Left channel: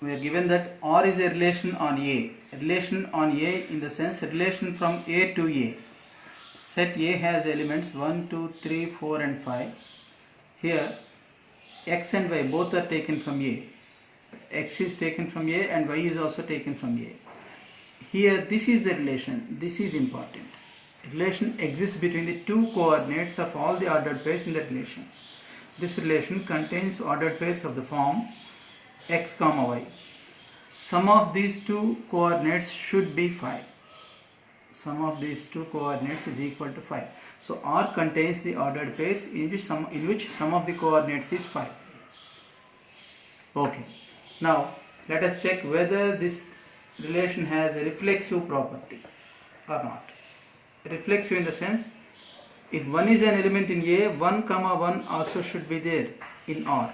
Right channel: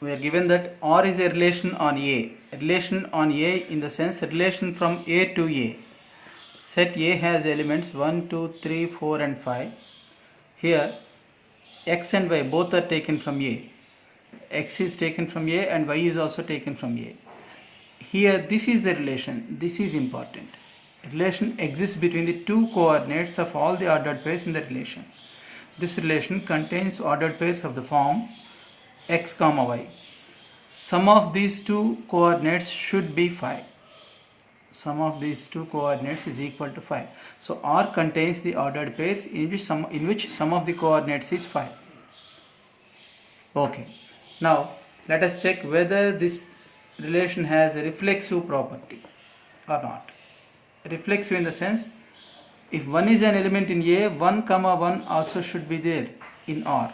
we are given that R is a relation on A. A relation on A in the sense relation from A to A. Set A has elements 1, 2, 3, 4 and 5. Here x and y both are taken from A. X is taken from A and y is also taken from A. Here this is the relation. This is important. Relation exists between the two coordinates of all the ordered pairs in the relation. This relation contains ordered pairs of the form x comma y. Sum of these two coordinates should be 5. Sum of these two coordinates is equal to 5. So R contains the ordered pairs in which sum of the coordinates is 5. Okay. Now let us check whether this relation has a reflexive property or not. Reflexive in the sense, if 1 is an element in A, 1 comma 1 also should be there in R,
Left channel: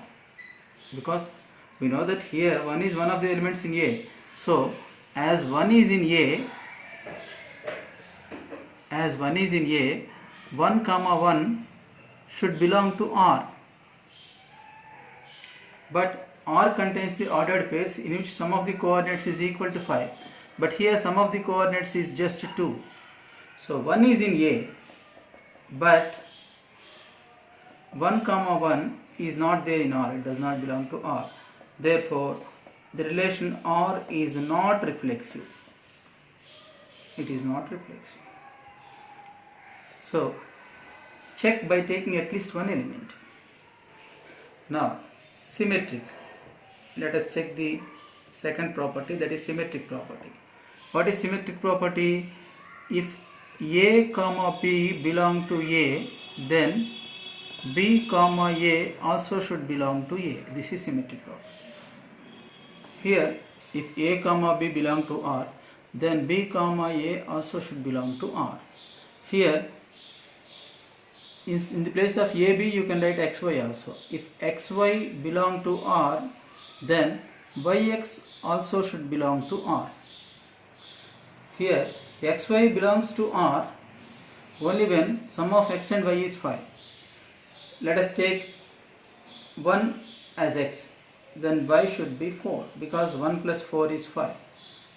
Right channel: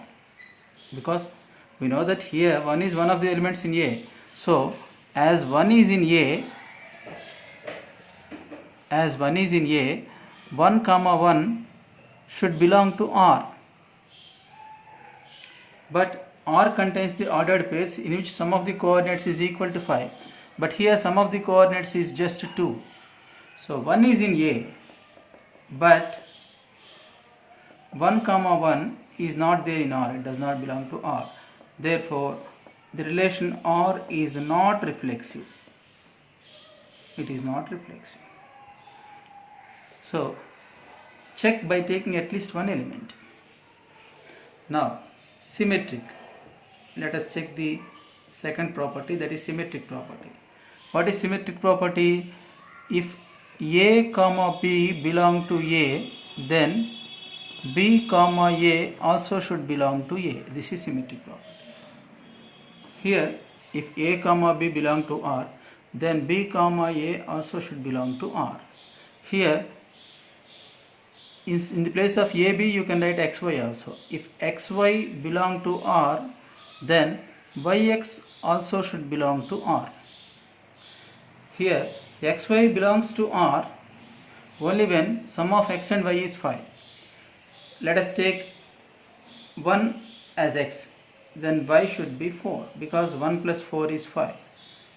because we know that here 1 is one of the elements in A. So as 1 is in A, 1 comma 1 should belong to R. But R contains the ordered pairs in which sum of the coordinates is equal to 5. But here sum of the coordinates is just 2. So 1 is in A, but 1 comma 1 is not there in R. It does not belong to R. Therefore, the relation R is not reflexive. It is not reflexive. So check by taking at least one element. Now symmetric. Let us check the second property, that is symmetric property. What is symmetric property? If A comma B belong to A, then B comma A also should belong to A. This is symmetric property. Here if A comma B belong to R, then B comma A also should belong to R. Here in the place of AB you can write XY also. If XY belong to R, then YX also should belong to R. Here XY belongs to R only when sum of X and Y is 5. Let us take 1 as X, then Y should be 4, because 1 plus 4 is 5.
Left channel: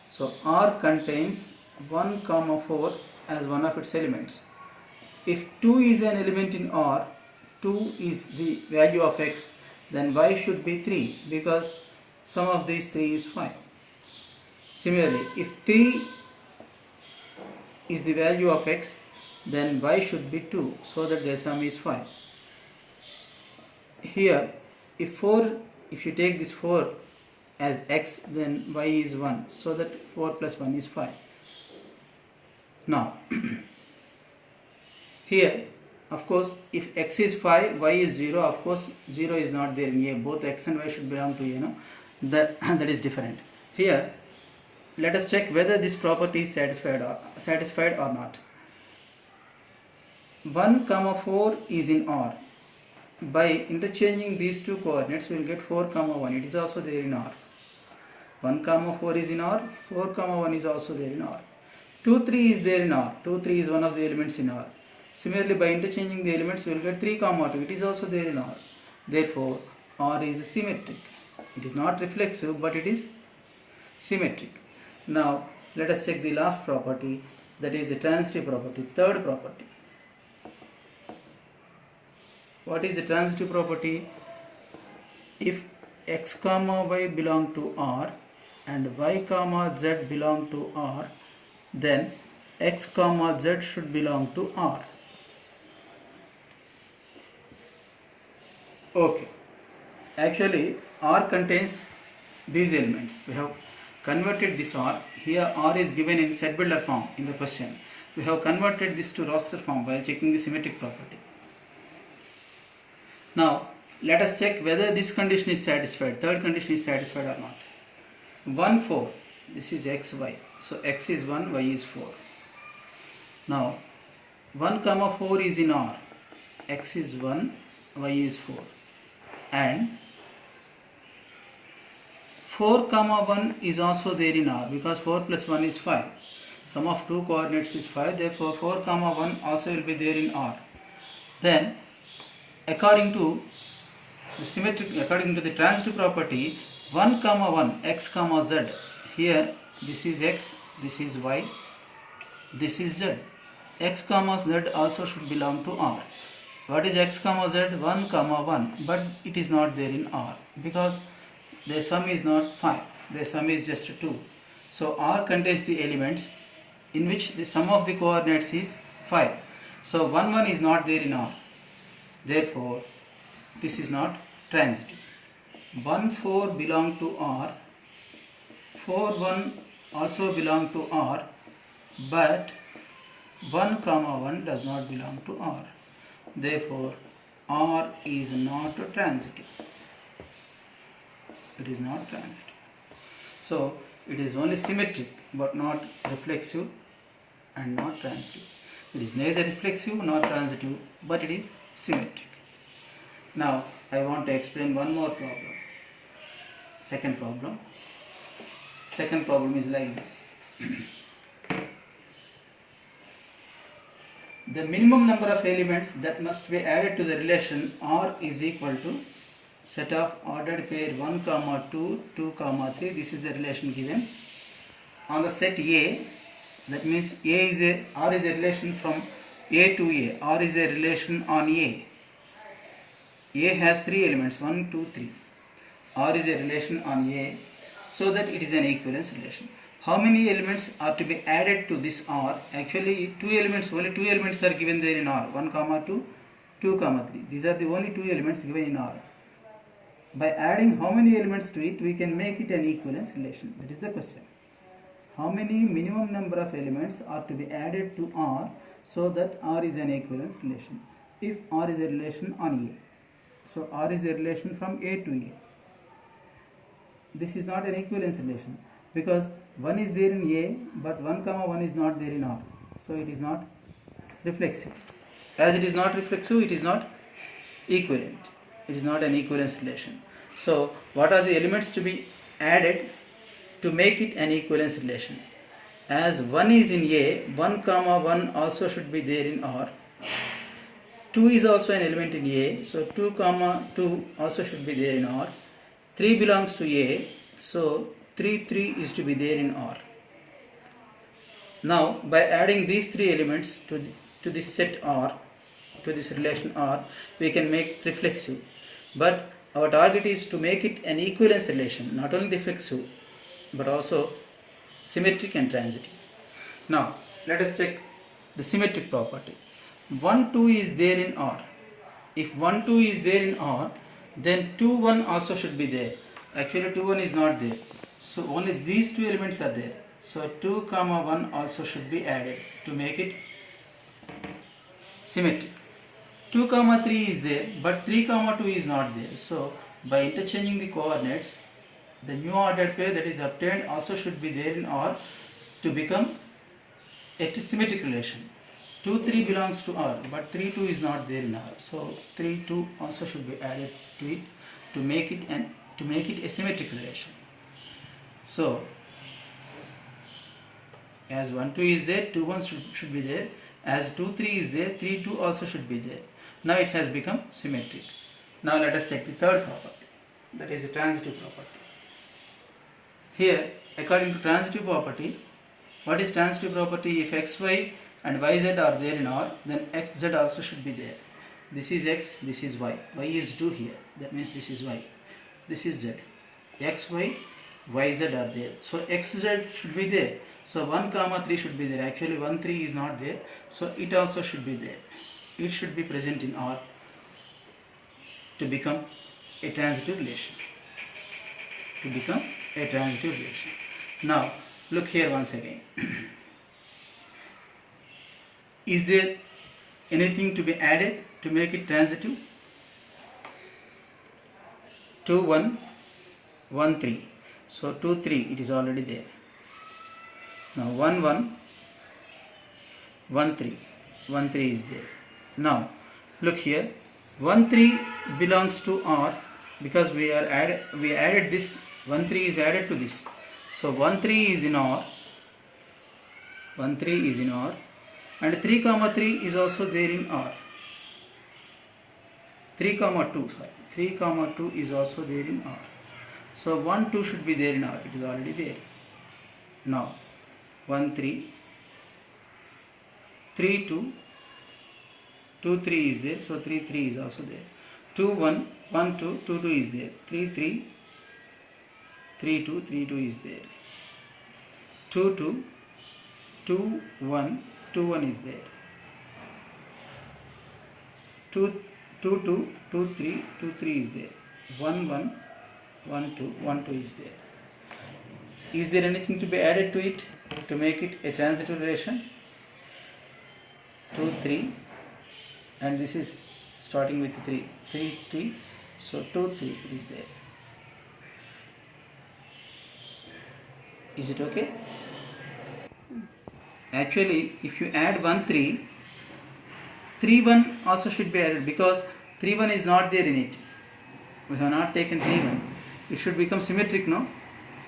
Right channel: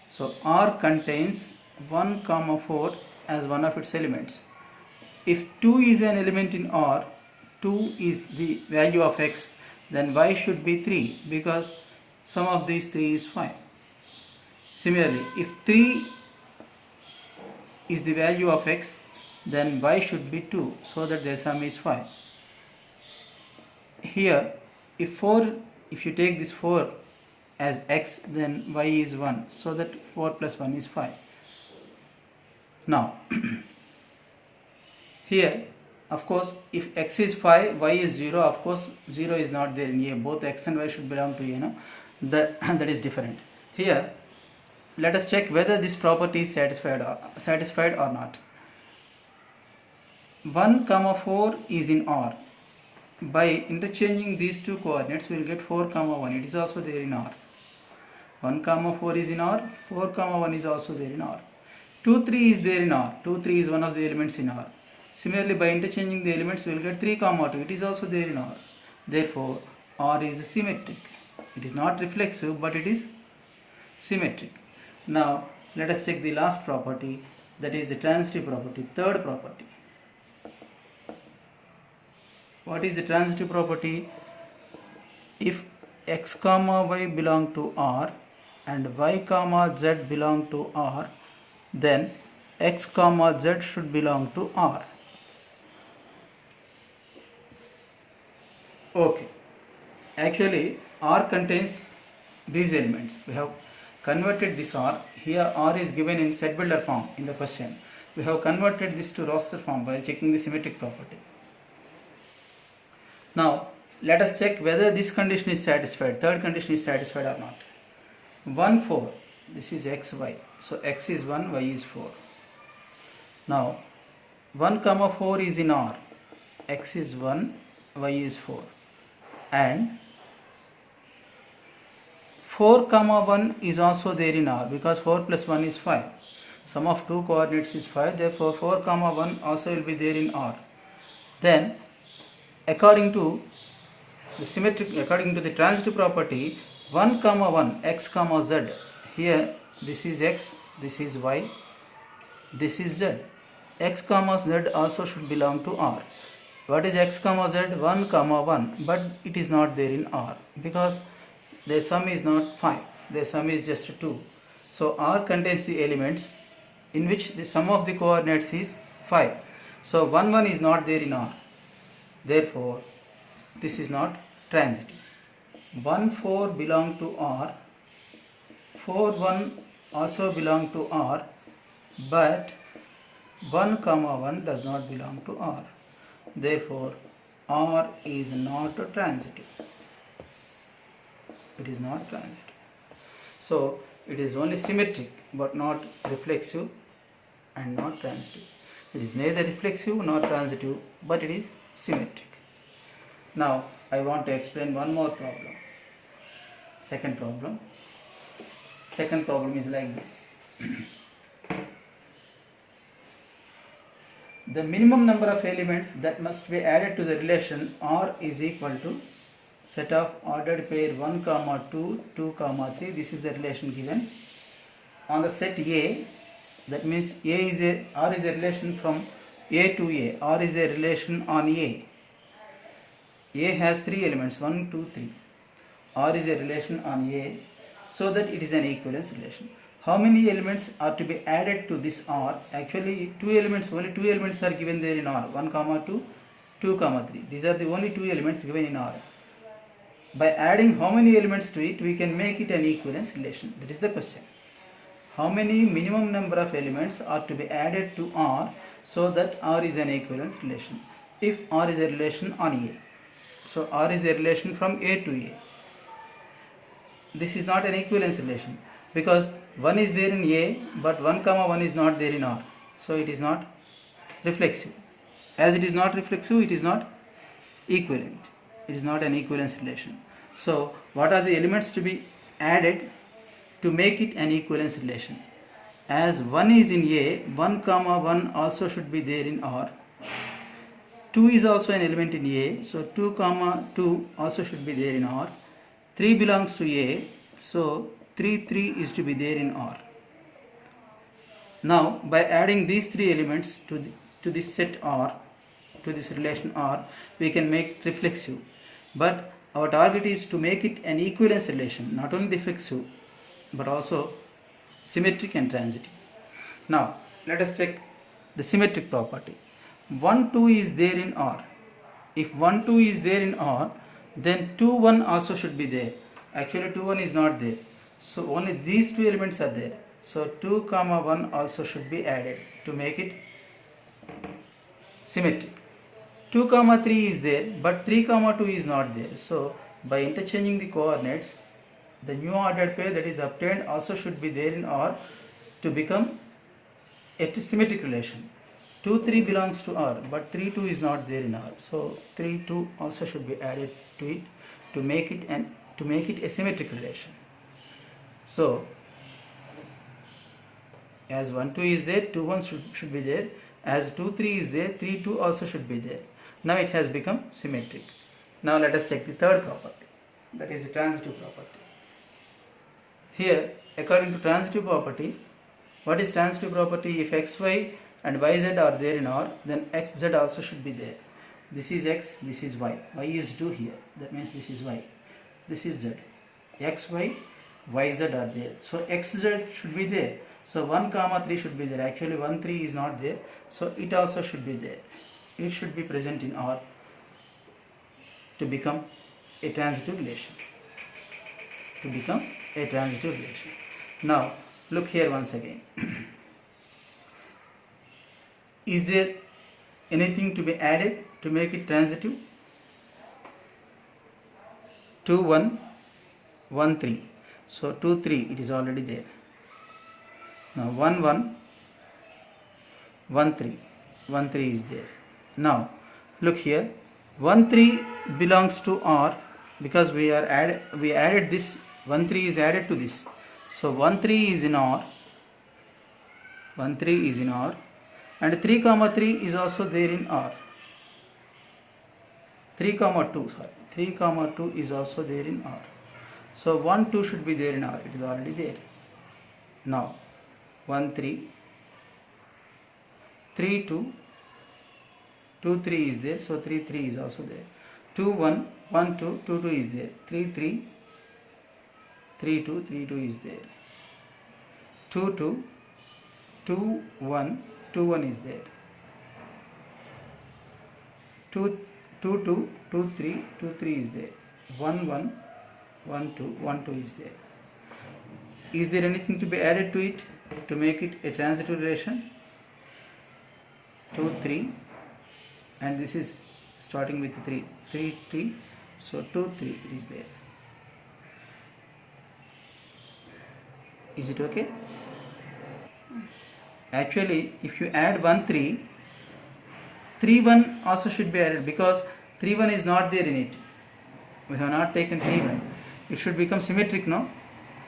So R contains 1 comma 4 as one of its elements. If 2 is an element in R, 2 is the value of X, then Y should be 3, because sum of these 3 is 5. Similarly, if 3 is the value of X, then Y should be 2, so that their sum is 5. Here if you take this 4 as X, then Y is 1, so that 4 plus 1 is 5. Now here of course if X is 5, Y is 0, of course 0 is not there in A. Both X and Y should belong to A, no? That is different. Here let us check whether this property is satisfied or not. 1 comma 4 is in R. By interchanging these two coordinates we will get 4 comma 1. It is also there in R. 1 comma 4 is in R. 4 comma 1 is also there in R. 2 3 is there in R. 2 3 is one of the elements in R. Similarly, by interchanging the elements we will get 3 comma 2. It is also there in R. Therefore R is symmetric. It is not reflexive, but it is symmetric. Now let us check the last property, that is the transitive property, third property. What is the transitive property? If X comma Y belong to R and Y comma Z belong to R, then X comma Z should belong to R. Okay. Actually R contains these elements. We have converted this R. Here R is given in set builder form in the question. We have converted this to roster form by checking the symmetric property. Now let us check whether this condition is satisfied, third condition is satisfied or not. 1 4, this is X Y, so X is 1, Y is 4. Now 1 comma 4 is in R, X is 1, Y is 4, and 4 comma 1 is also there in R, because 4 plus 1 is 5. Sum of two coordinates is 5, therefore 4 comma 1 also will be there in R. Then according to the transitive property, 1 comma 1 x comma z. Here this is x, this is y, this is z. X comma z also should belong to R. What is x comma z? 1 comma 1, but it is not there in R because the sum is not 5, the sum is just 2. So R contains the elements in which the sum of the coordinates is 5. So 1 1 is not there in R. Therefore this is not transitive. 1 4 belong to R, 4 1 also belong to R, but 1 comma 1 does not belong to R. Therefore R is not transitive. It is not transitive. So it is only symmetric but not reflexive and not transitive. It is neither reflexive nor transitive, but it is symmetric. Now I want to explain one more problem. Second problem. Second problem is like this. The minimum number of elements that must be added to the relation R is equal to set of ordered pair 1 comma 2, 2 comma 3. This is the relation given. On the set A, that means R is a relation from A to A. R is a relation on A. A has 3 elements, 1, 2, 3. R is a relation on A, so that it is an equivalence relation. How many elements are to be added to this R? Actually, only two elements are given there in R. 1 comma 2, 2 comma 3. These are the only 2 elements given in R. By adding how many elements to it, we can make it an equivalence relation. That is the question. How many minimum number of elements are to be added to R so that R is an equivalence relation? If R is a relation on A. So R is a relation from A to A. This is not an equivalence relation because 1 is there in A but 1 comma 1 is not there in R. So it is not reflexive. As it is not reflexive, it is not equivalent. It is not an equivalence relation. So what are the elements to be added to make it an equivalence relation? As 1 is in A, 1 comma 1 also should be there in R. 2 is also an element in A, so 2 comma 2 also should be there in R. 3 belongs to A, so 3 is to be there in R. Now by adding these 3 elements to this set R, to this relation R, we can make it reflexive. But our target is to make it an equivalence relation, not only reflexive but also symmetric and transitive. Now let us check the symmetric property. 1 2 is there in R. If 1 2 is there in R, then 2 1 also should be there. Actually 2 1 is not there, so only these 2 elements are there. So 2 comma 1 also should be added to make it symmetric. 2 comma 3 is there, but 3 comma 2 is not there. So by interchanging the coordinates, the new ordered pair that is obtained also should be there in R to become a symmetric relation. 2 3 belongs to R, but 3 2 is not there in R. So 3 2 also should be added to it to make it a symmetric relation. So as 1 2 is there, 2 1 should be there. As 2 3 is there, 3 2 also should be there. Now it has become symmetric. Now let us check the third property, that is the transitive property. Here, according to transitive property, what is transitive property? If xy and yz are there in R, then xz also should be there. This is x, this is y. Y is 2 here, that means this is y. This is z. xy, yz are there. So xz should be there. So 1 comma 3 should be there. Actually 1 3 is not there, so it also should be there. It should be present in R to become a transitive relation. To become a transitive relation. Now look here once again. Is there anything to be added to make it transitive? 2 1 1 3. So 2 3 it is already there. Now 1 1 1 3 1 3 is there. Now look here, 1 3 belongs to R because we added this. 1 3 is added to this. So 1 3 is in R. 1 3 is in R, and 3 comma 3 is also there in R. 3 comma 2 is also there in R. So 1 2 should be there in R. It is already there. Now 1 3, 3 2, 2 3 is there. So 3 3 is also there. 2 1, 1 2, 2 2 is there. 3 3, 3 2, 3 2 is there. 2 2, 2 1, 2 1 is there. 2 2 2, 2 3, 2 3 is there. 1 1, 1 2, 1 2 is there. Is there anything to be added to it to make it a transitive relation? 2 3, and this is starting with 3 3 3, so 2 3 it is there. Is it okay? Actually, if you add 1 3, 3 1 also should be added, because 3 1 is not there in it. We have not taken 3 1. It should become symmetric, no?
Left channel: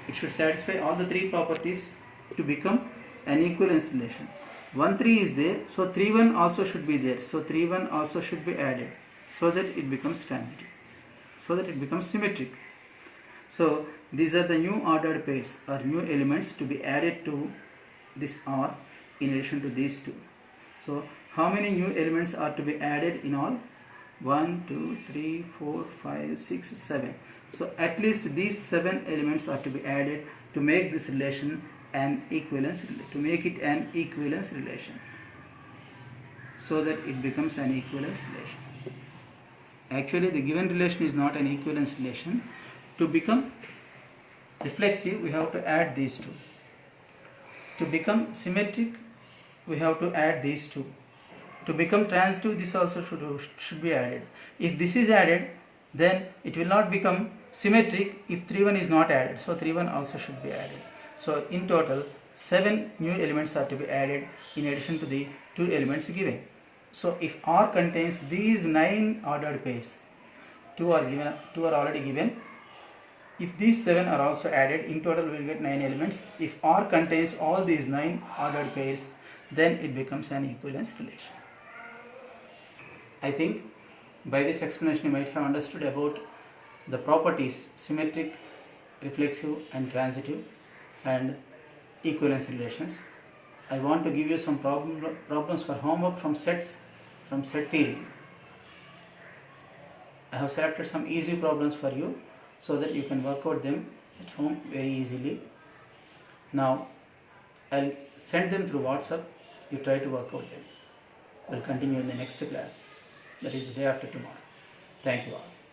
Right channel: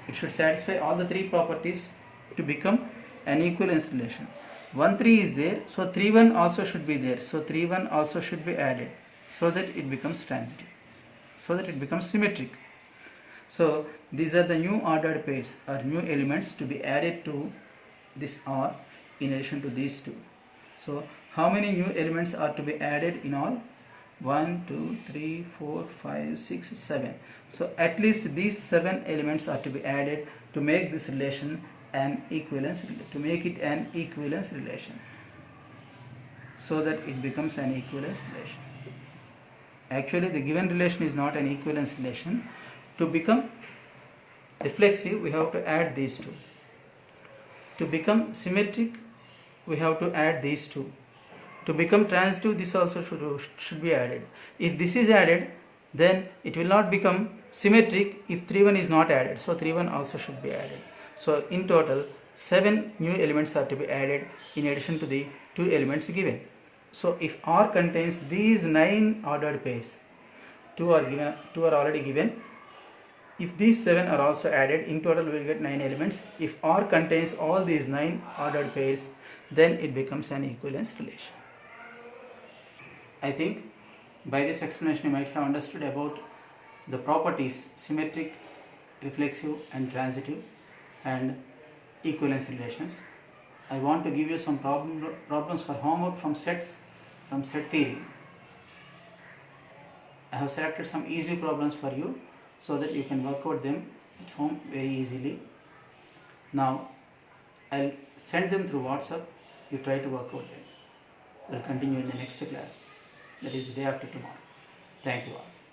It should satisfy all the three properties to become an equivalence relation. 1 3 is there, so 3 1 also should be there. So 3 1 also should be added, so that it becomes transitive, so that it becomes symmetric. So these are the new ordered pairs or new elements to be added to this R in addition to these two. So how many new elements are to be added in all? 1 2 3 4 5 6 7. So at least these 7 elements are to be added to make this relation an equivalence, to make it an equivalence relation, so that it becomes an equivalence relation. Actually, the given relation is not an equivalence relation. To become reflexive, we have to add these two. To become symmetric, we have to add these two. To become transitive, this also should be added. If this is added, then it will not become symmetric if 3 1 is not added. So 3 1 also should be added. So in total, 7 new elements are to be added in addition to the 2 elements given. So if R contains these 9 ordered pairs, 2 are already given. If these 7 are also added, in total we will get 9 elements. If R contains all these 9 ordered pairs, then it becomes an equivalence relation. I think by this explanation you might have understood about the properties symmetric, reflexive and transitive and equivalence relations. I want to give you some problems for homework from sets, from set theory. I have selected some easy problems for you so that you can work out them at home very easily. Now I'll send them through WhatsApp. You try to work out them. We'll continue in the next class, that is the day after tomorrow. Thank you all.